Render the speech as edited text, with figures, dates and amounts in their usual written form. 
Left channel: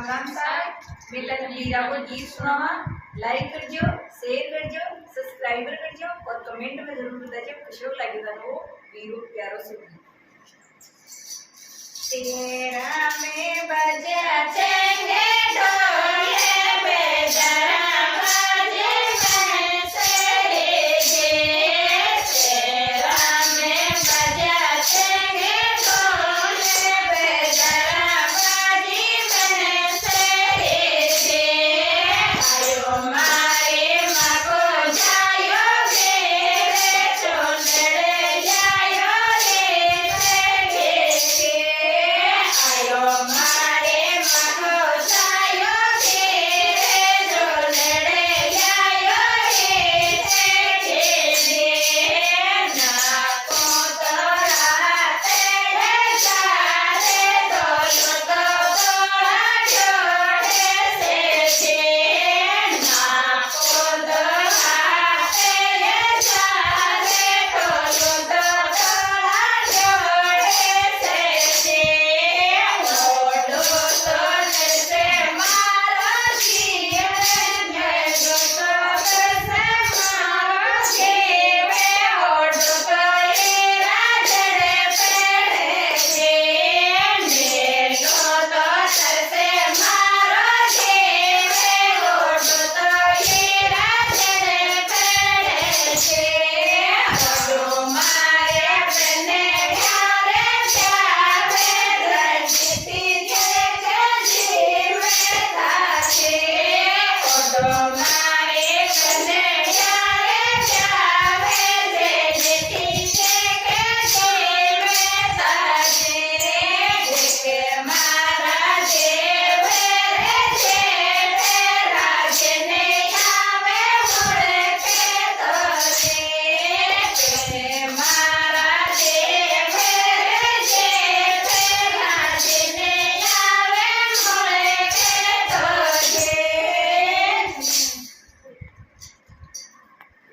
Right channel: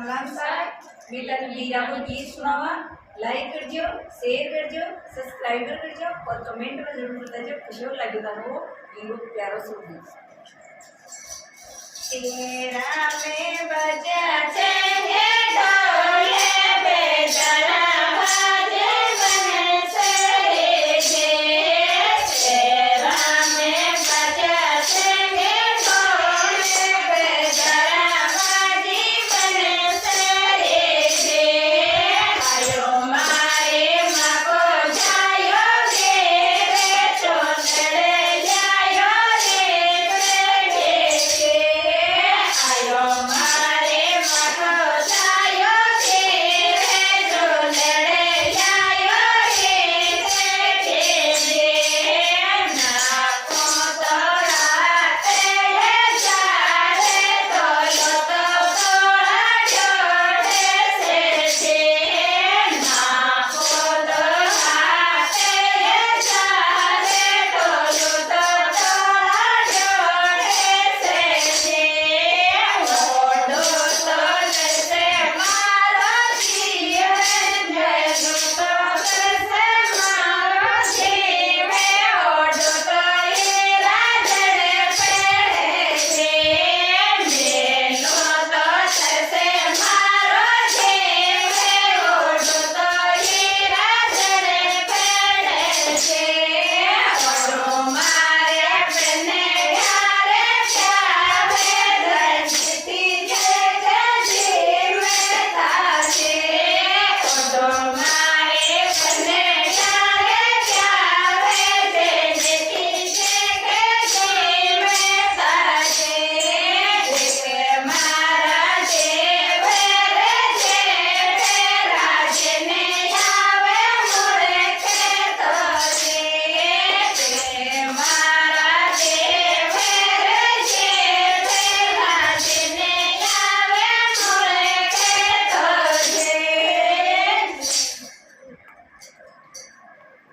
राम राम साहब मिलन वीरा को गीत सुनावा। लाइक करजो, शेयर करजो, सब्सक्राइबर करजो और कमेंट में जरूर बताजो कैसो लाग्यो थाने वो वीरो प्यारो सो गीत। तेरा में बजा